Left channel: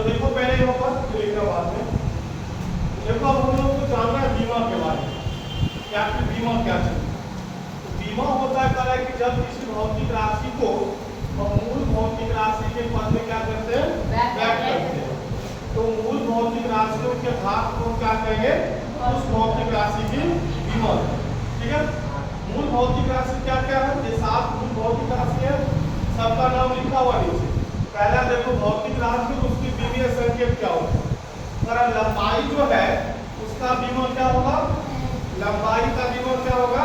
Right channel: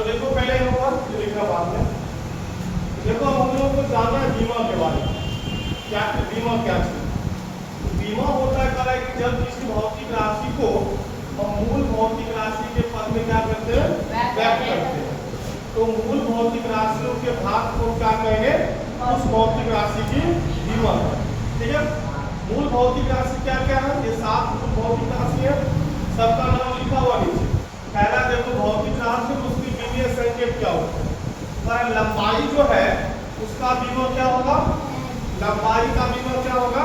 चलो देखो पहले यहाँ पर जो लिखा बाद में देखो, अब हम लोग को जानना है बीमा के बारे में। क्या बीमा क्या चीज? तो बीमा होता है कि जब किसी भौतिक राशि को मूल भौतिक राशि के पद में क्या करते हैं, व्यक्त करते हैं। तो मूल भौतिक राशियों के भाग को क्या कहेंगे, उस भौतिक राशि की बीमा। ठीक है, मूल भौतिक राशि क्या क्या है? ये 7 मूल भौतिक राशि है, सबका नाम लिखा हुआ नीचे। पहला देखो भौतिक राशि, उसकी बीमीय संकेत क्या होता है? अगर लंबाई जो है उसका बीमा क्या होगा, लंबाई का बीमा क्या होगा,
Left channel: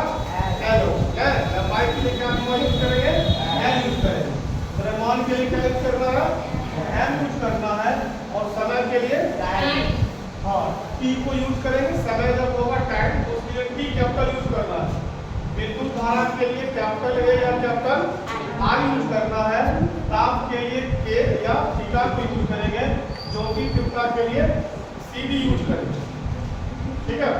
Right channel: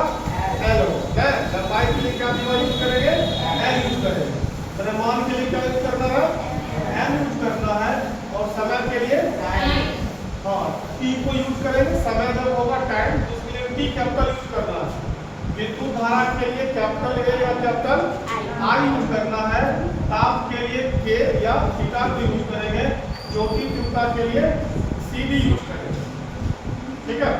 एल होगा। लंबाई के लिए क्या बीमा यूज करेंगे, एल यूज करेंगे। द्रव्यमान के लिए क्या यूज करना है, एम यूज करना है। और समय के लिए हाँ टी को यूज करेंगे। समय जब होगा टाइम तो उसके लिए टी कैपिटल यूज करना है। विद्युत धारा के लिए कैपिटल ए या कैपिटल आई यूज करना है। ताप के लिए के या थीटा को यूज करेंगे। ज्योति तीव्रता के लिए सीडी यूज करेंगे। ठीक है,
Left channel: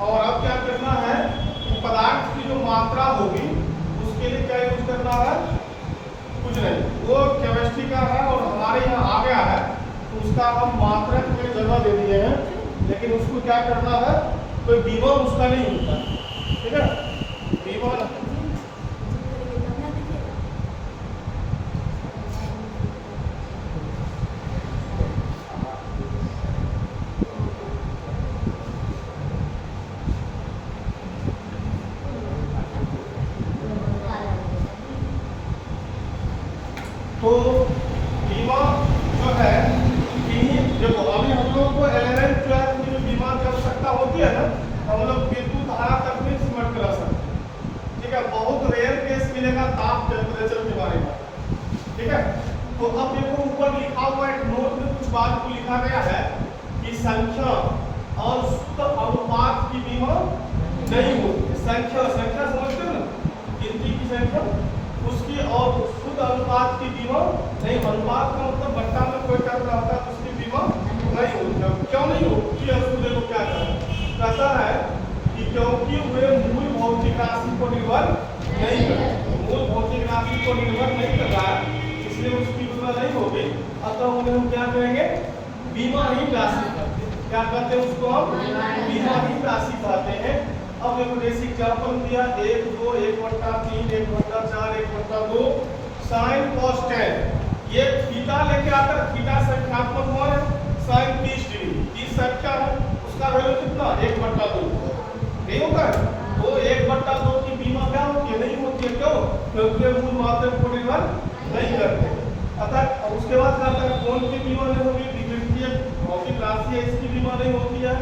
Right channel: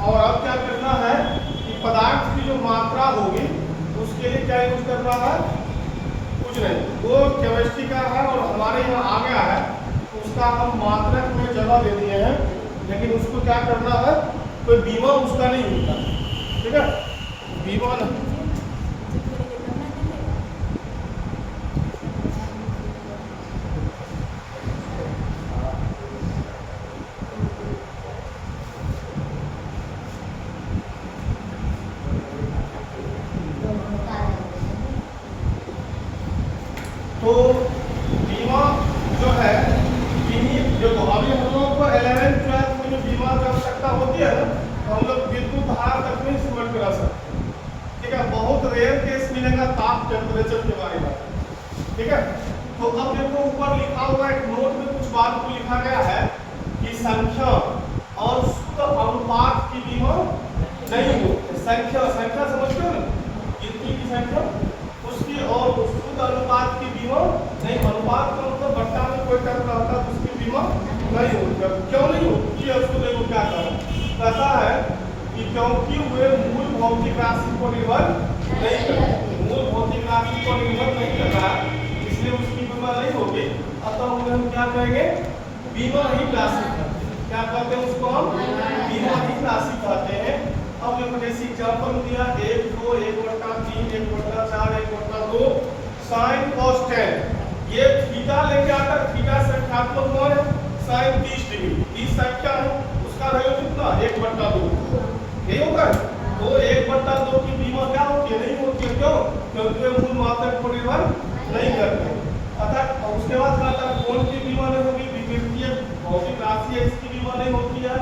और अब क्या करना है कि पदार्थ की जो मात्रा होगी उसके लिए क्या यूज करना है, कुछ नहीं, वो केमिस्ट्री का है और हमारे यहाँ आ गया है तो उसका हम मात्रक में जगह दे दिए हैं, लेकिन उसको क्या करना है, कोई बीमा उसका नहीं होता। ठीक है, बीमा नहीं। तो बीमा जो है, देखो अभी हम लोग को 11th 12th में जो बीमा की आवश्यकता होती है ना, तो हम लोग विद्युत धारा तक नहीं सिमट करा सकते। ठीक है, बहुत रेयर केस मिलेगा ताप टेम्परेचर के बारे में। ठीक है, तो अब देखो ऊपर लिखा हुआ एक नोट में कुछ बात को लिखा गया है कि संख्या और शुद्ध अनुपात की बीमा नहीं हो। संख्या समझते हो ना, गिनती की संख्या, उसकी और शुद्ध अनुपात की बीमा नहीं। अनुपात का मतलब बट्टा में कोई टर्म रहता है तो उसकी बीमा नहीं होती। क्यों नहीं होती? उसको देखो क्या कहता है कि क्योंकि वे मूल भौतिक राशि को निर्भर नहीं करते। मूल भौतिक राशि को निर्भर नहीं कर रहा है, इसलिए उसकी बीमा नहीं होगी। अतः हम क्या कहेंगे, बीमा ही राशि कहते हैं। क्या कहते हैं उसको हम? बीमा ही राशि कहते हैं। अब देखो जैसे एग्जाम्पल दिया 1 2 1/3 1/4 1/2 sin cos tan। ये थीटा लेके आता है, थीटा संख्यात्मक मान है, sin 30 डिग्री, 30 संख्या है, उसका वैल्यू कितना 1/2 नहीं होता है। तो 1/2 की बीमा क्या होती है, नहीं होती है। क्यों? क्योंकि मूल मात्रक को निर्भर नहीं करते। अतः उसके बाद क्या है, कौन सी बीमा नहीं होगी, विद्युतीय भौतिक राशि है, इसकी बीमा नहीं होती है।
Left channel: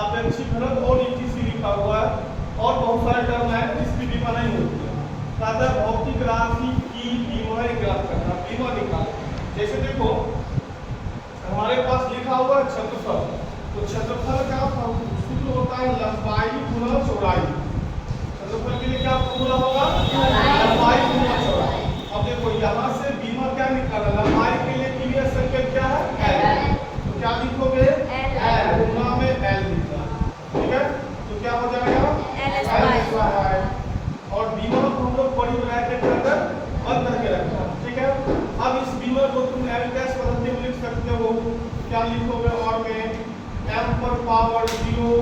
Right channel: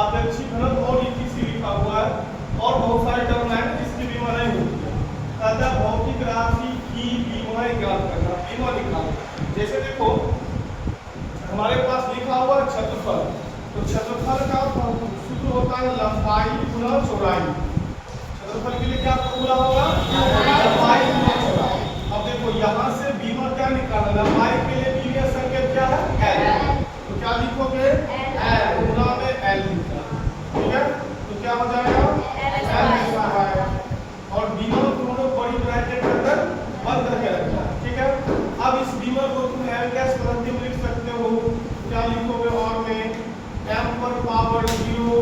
आपेक्षिक घनत्व और इसी लिखा हुआ है और बहुत सारे टर्म है जिसकी बीमा नहीं होती है। अतः भौतिक राशि की बीमा ज्ञात करना, बीमा लिखना। जैसे देखो हमारे पास लिखा हुआ है क्षेत्रफल, तो क्षेत्रफल का सूत्र होता है लंबाई गुना चौड़ाई। क्षेत्रफल के लिए क्या फॉर्मूला होगा, लंबाई गुना चौड़ाई। अब देखो यहाँ से बीमा क्या निकालना, लंबाई के लिए बीमीय संकेत क्या है, एल। तो क्या लिखोगे, एल गुना में एल लिखना। ठीक है, तो क्या हो जाएगा, एल लिखना है और बीमा को हम लोग बड़ी ब्रैकेट के अंदर बंद करके रखना। ठीक है, अब इस बीमा को तुम एल डैश पद्धति में लिख सकते हो। क्या लिखोगे, और में m पर पावर 0,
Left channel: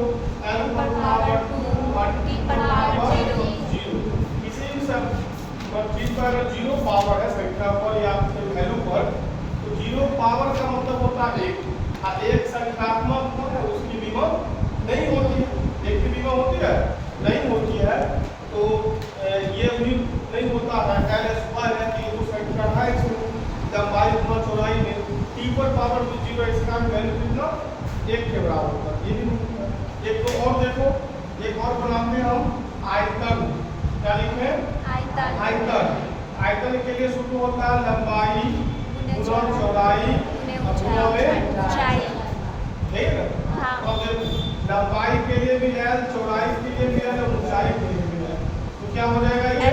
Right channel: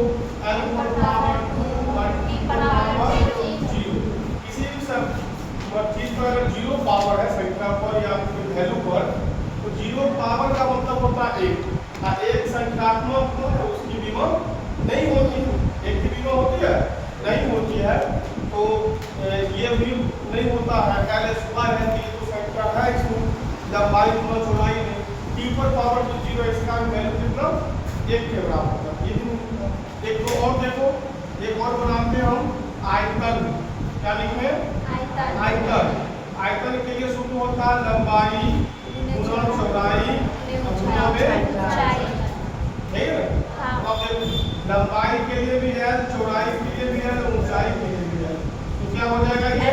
l पर पावर 2 और t पर पावर 0। किसी भी चीज पर अगर 0 पावर है संख्या पर या वैल्यू पर, तो 0 पावर का मतलब होता है 1। एक संख्यात्मक है उसकी बीमा नहीं होती, एक की बीमा होती है, नहीं होती है। तो ये भी नहीं होता है। एल स्क्वायर है कि जो संख्या है इसमें लंबाई गुना चौड़ाई में t पर पावर 0, इसका वैल्यू कितना 1 के बराबर होगा। ये भी नहीं होता। एक तो और देखो, एक और बनाते हैं हम आयतन। क्या लिखे, आयतन। आयतन के लिए सूत्र होता है लंबाई गुना चौड़ाई गुना में ऊंचाई। ठीक है, अब लंबाई के लिए भी है, चौड़ाई के लिए भी है, ऊंचाई के लिए भी है। तो क्या हो जाएगा ये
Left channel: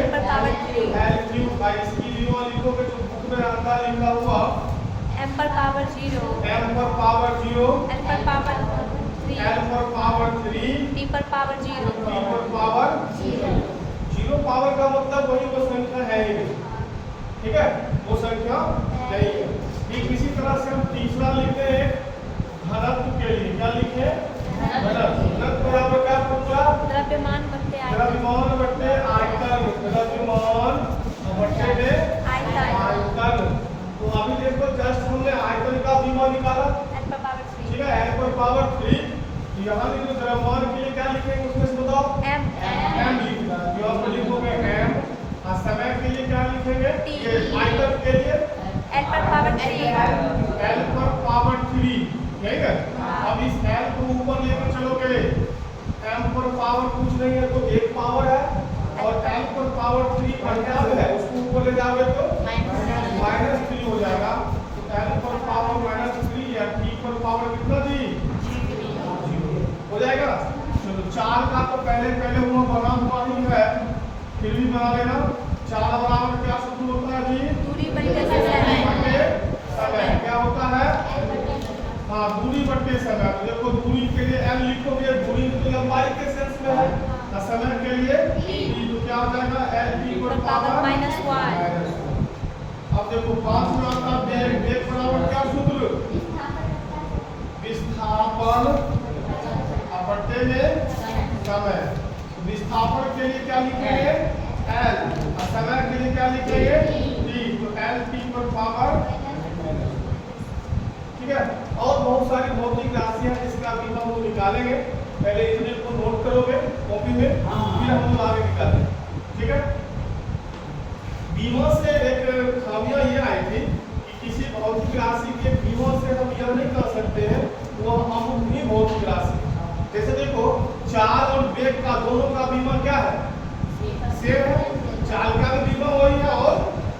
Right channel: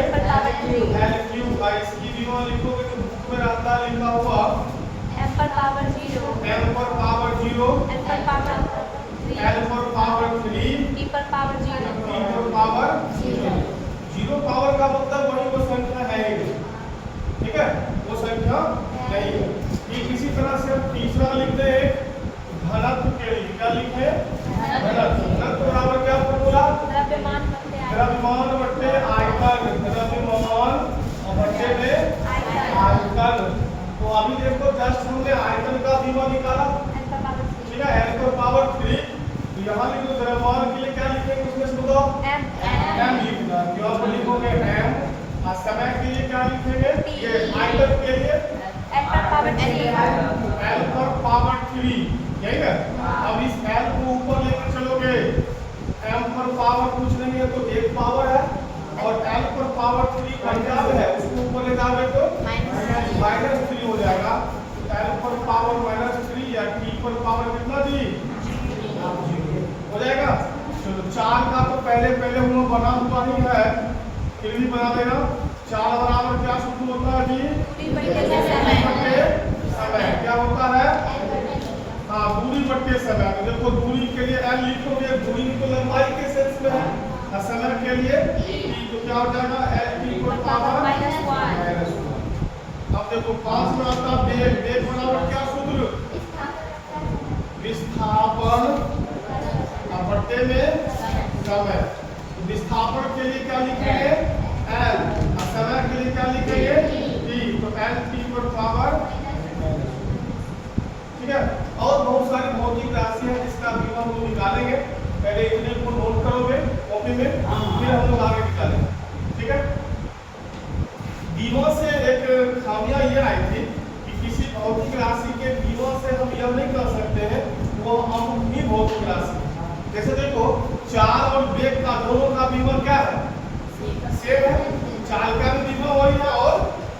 एल क्यूब बाई इसकी बीमा लिखोगे तो बुक में आता है लिखा हुआ m पर पावर 0, m पर पावर 0, l पर पावर 3, l पर पावर 3, t पर पावर 0, t पर पावर 0। 0 पावर का मतलब वही वो संख्या है ही नहीं। ठीक है, वो संख्या नहीं है। ठीक इसी तरह से हम तीसरा लिखते हैं घनत्व के लिए। क्या लिखे? घनत्व बराबर क्या फॉर्मूला? द्रव्यमान बटे आयतन। द्रव्यमान बटे आयतन। द्रव्यमान बटे में आयतन। तो अभी देखो जस्ट हमने आयतन का विमा निकाला, n पर पावर 3। ठीक है, n पर पावर 3। तो यहाँ लिखो द्रव्यमान के लिए क्या लिखेंगे उसमें से बताओ? m लिखना है। जो आप लिखोगे m। और समय के लिए क्या लिखेंगे? ये आयतन के लिए n पर पावर 3। l पर पावर 3। ठीक है, अब इस l को ऊपर लेकर चलोगे, m पर पावर कुछ नहीं है तो एक पावर है, और l पर पावर 3 का क्या है उसको ऊपर ले जाओगे तो -3 हो जाएगा। तो l पर पावर -3 या t पर पावर कितना जी? 0 हो जाएगा। चलो 4 का तो पहले हुआ बना हुआ ही है, फिर भी बना लेना। 4 बराबर क्या सूत्र होता है जी? दूरी बटे समय। समय क्या होता है? हाँ, दूरी बटे समय। तो देखो दूरी के लिए l लिखोगे, दूरी तो लंबाई के सेंस में है, और समय के लिए t। तो क्या हो जाएगा? l t पर पावर -1। अब देखो 5 में आता है वेग। वेग बराबर क्या सूत्र? विस्थापन बटे में समय। विस्थापन के लिए क्या लिखेंगे? l, और समय के लिए क्या लिखेंगे? t। तो l t पर पावर, ठीक है। और बहुत सारी भौतिक राशियां जिसका बीमा वो निकालेंगे, पहले इतने को नोट करोगे कॉपी में, फिर हम लोग आगे निकालेंगे, ठीक है। बीमा से एक खामियां ये आई थी कि किसी भौतिक राशि के बीमा से हम यह नहीं कर सकते हैं वो अमुमनी भौतिक राशि। जैसे देखो चाल और वेग का दोनों का बीमा क्या है? सेम है। चाल का भी बीमा वही है और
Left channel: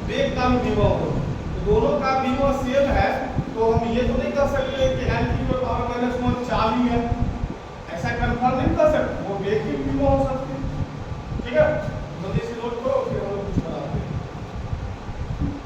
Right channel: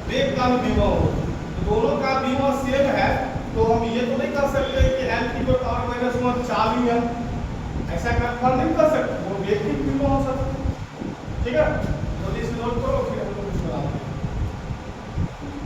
वेग का भी बीमा वही है। दोनों का बीमा सेम है, तो हम ये तो नहीं कर सकते कि l की पावर -1 चाल ही है, ऐसा कंफर्म नहीं कर सकते। वो वेग की बीमा हो सकती है, ठीक है। तो इसे नोट करो, फिर हम लोग कुछ बनाते हैं।